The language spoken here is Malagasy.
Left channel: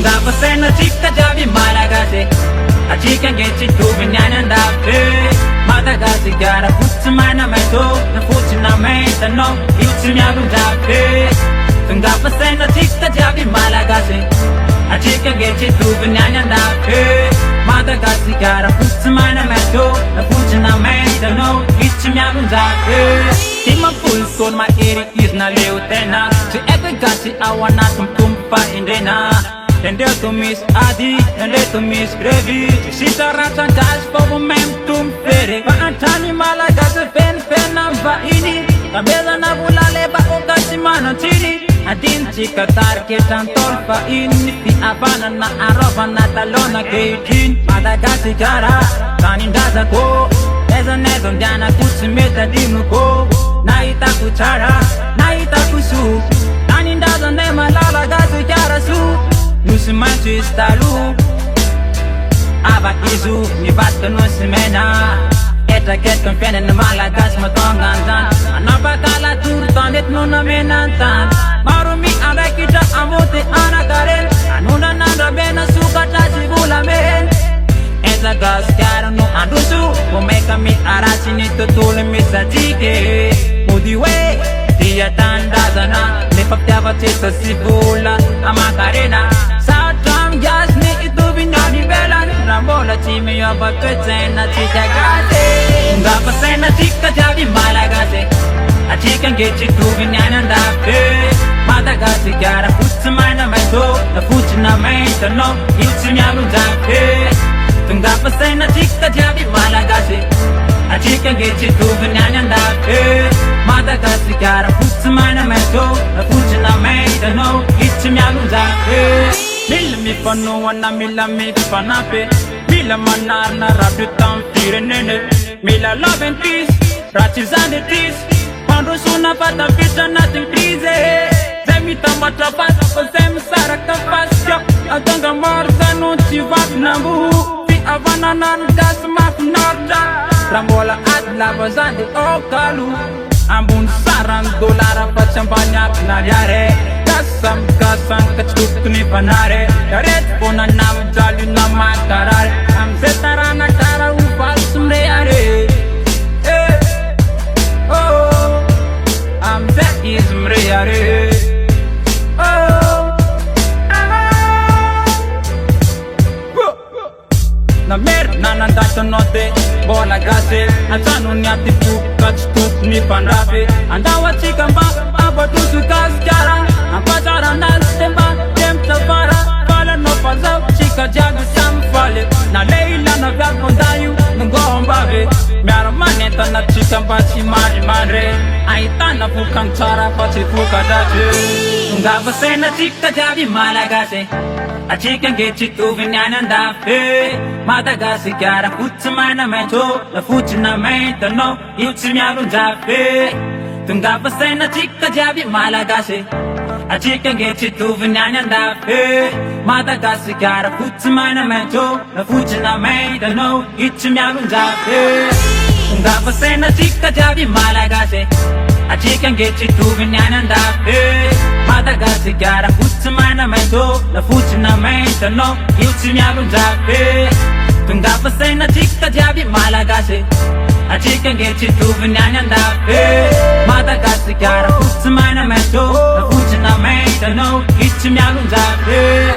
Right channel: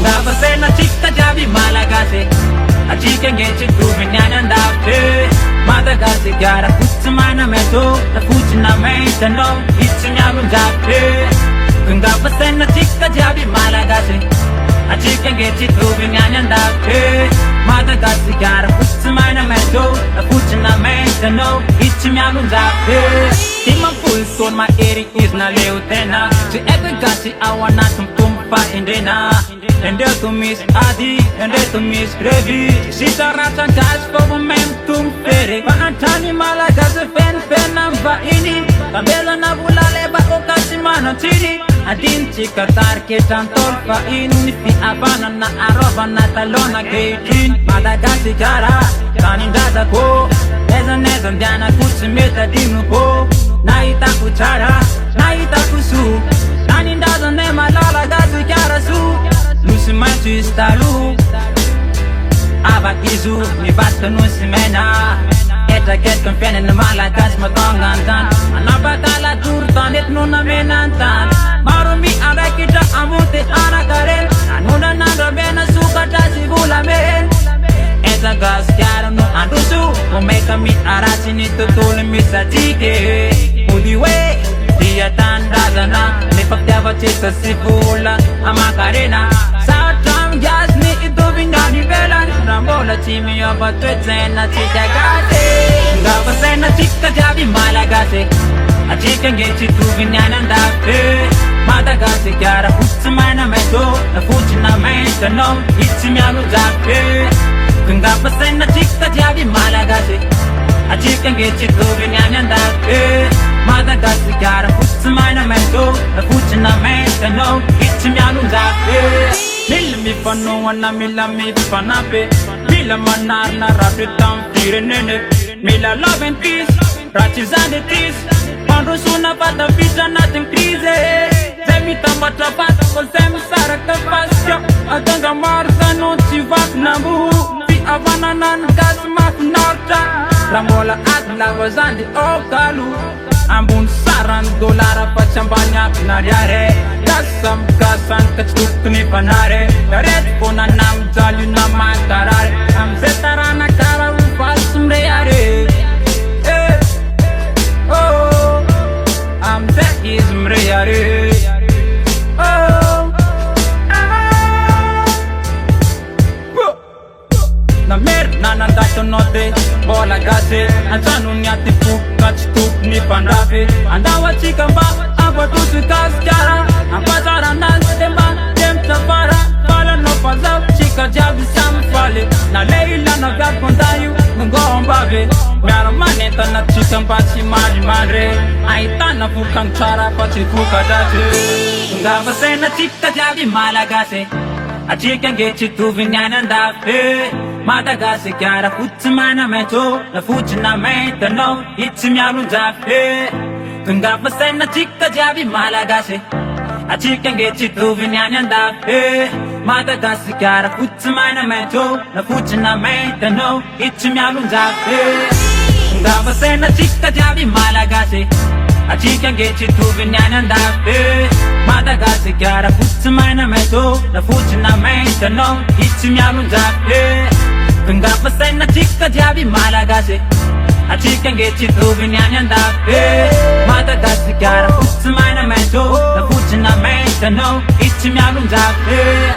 Ngapasena chika javi malagase achika ngechi tuvinyana ndafe Madagasi kiara futsumana meto na futsina meta no itsimyalu ndafe Ngapasena chika javi malagase achika ngechi tuvinyana ndafe Madagasi kiara futsumana meto na futsina meta no itsimyalu ndafe Tima pulson ma eri isna leutena Si ete gasi awana tumpa indena Ende tu mis adi, ende tu mis grevi Sita rasa gas for mem tum fere Pa antani malagas fen amba ini Kabela na bulale ba o kasi manantini Adin chika tarke tantol fa ini Fi abana na aroba na talona keitin Madagasi kara, kanindaza ko Neza ndiana kutsimeta dinu ko Naita kuchara, naita kusu Kanindaza ne malala gasi kara su Nusi manchi stalu Aba izu ni batka nusi mena Eta ket konfene na malagas matongantan Anaba kala turtan et nuna menantan Marumi ada kita amute anakaren Anuna nanda bena sukata sibula men Eta gas kiara no andusu Umeka mi arasi ni tutule misajike Mudiwe Dia tandazana Nipaktyava chita sibula Amakarena Satam gas ni ito vinyani velan Rambola chimi yoba kwetsena chicha gate Ngapasena chika javi malagase Achika ngechi tu vinyana ndafe Madagasi kiara futsumana meto Na futsina menta no itsimyalu zafe Ngapasena chika javi malagase Achika ngechi tu vinyana ndafe Madagasi kiara futsumana meto Na futsina menta no itsimyalu zafe Mila mi pano wana mila mi panape Mila manar na rapi tam fire nene Mila love and peace, rachis and the teas Pando suna pata pita natin krize Zemi tamata pata ko zemi saraka pasya Atanga marza no chivak na buhu Fi avana nan gas makunarta Rambola at lava zandi okalu Ambun saran dolara pachambanyak naryare Kasam kachuk ni panare Yaret pona nam jalu na makarare Am zetarana kara ufal sumre yare Oh Am zet izmre yare Oh Na mer nanandato note bola gase Anzanu nyati puka chtuk ni pandafe Andawa chikamba abatusu kaskara Ampatara nantemba temtavara Fala no pazau chika javi samfale Na leila na vyag kondayu nungombave Miara maneta na chikamba chimari manre Aitana fukang chara pachi fuka dache Ngavasena chika javi malagase Achika ngechi tu vinyana ndafe Madagasi kiara futsumana meto Na futsina menta no itsimyalu ndafe Ngapasena chika javi malagase Achika ngechi tu vinyana ndafe Madagasi kiara futsumana meto Na futsina menta no itsimyalu ndafe Ngapasena chika javi malagase Achika ngechi tu vinyana ndafe Madagasi kiara futsumana meto Na futsina menta no itsimyalu ndafe Ngapasena chika javi malagase Achika ngechi tu vinyana ndafe Madagasi kiara futsumana meto Na futsina menta no itsimyalu ndafe